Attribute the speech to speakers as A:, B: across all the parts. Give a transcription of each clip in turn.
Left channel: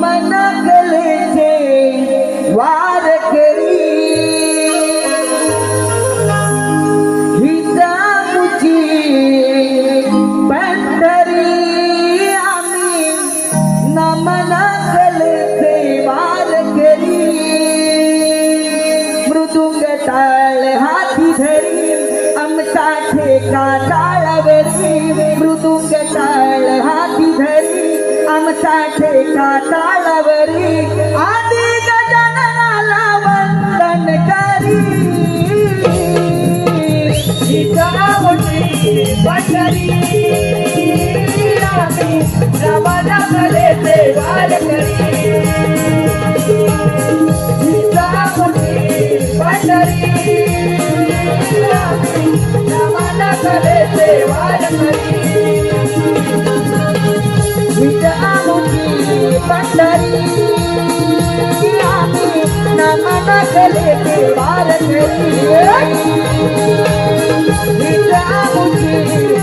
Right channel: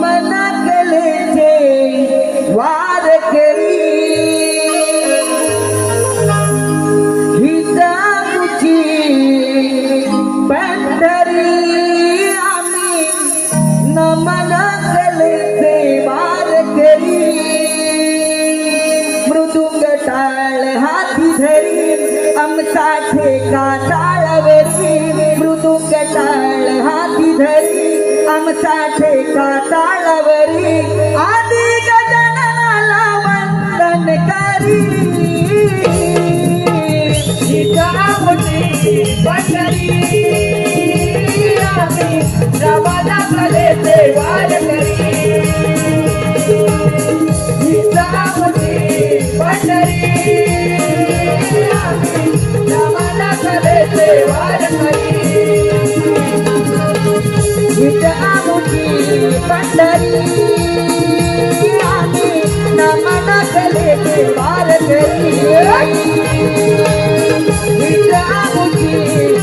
A: মনা গেলে नवरी आदि गजाननाला वंदन करी. जवाना करे ते गाड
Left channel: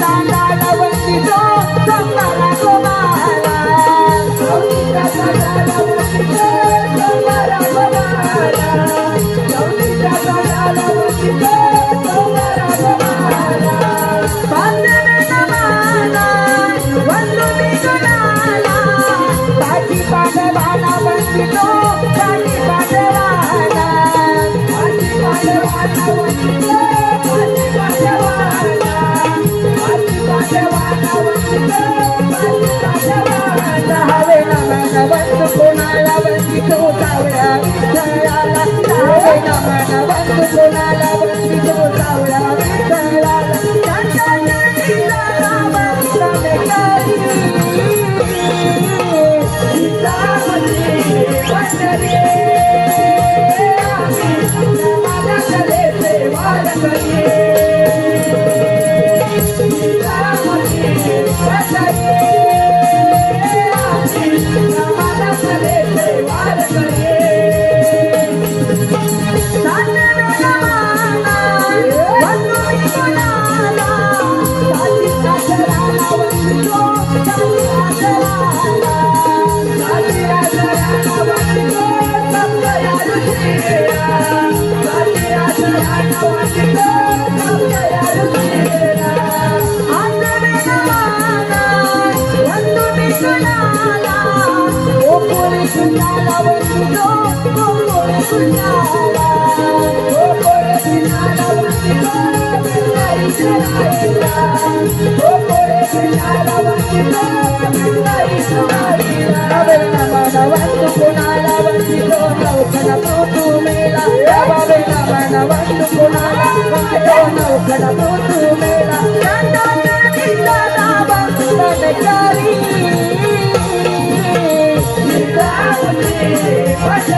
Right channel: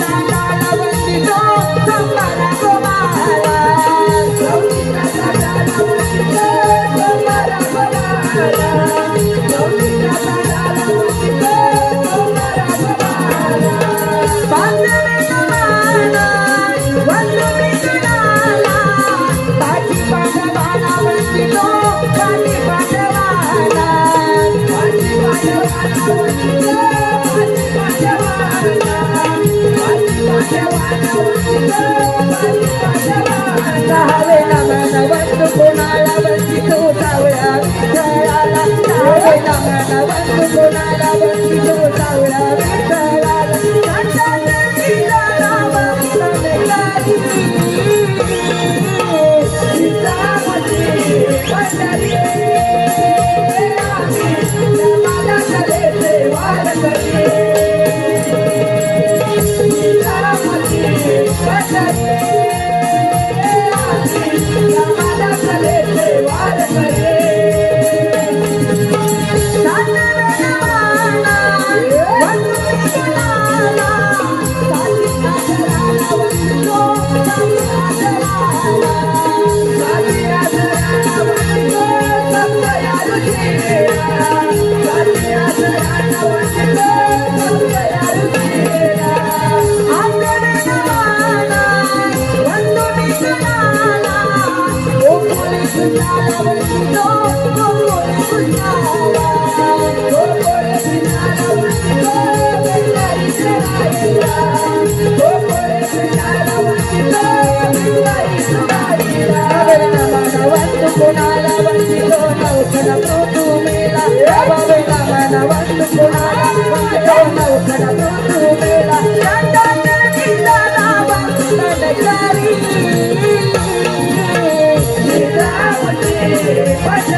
A: Thank you. Vai ser, vai.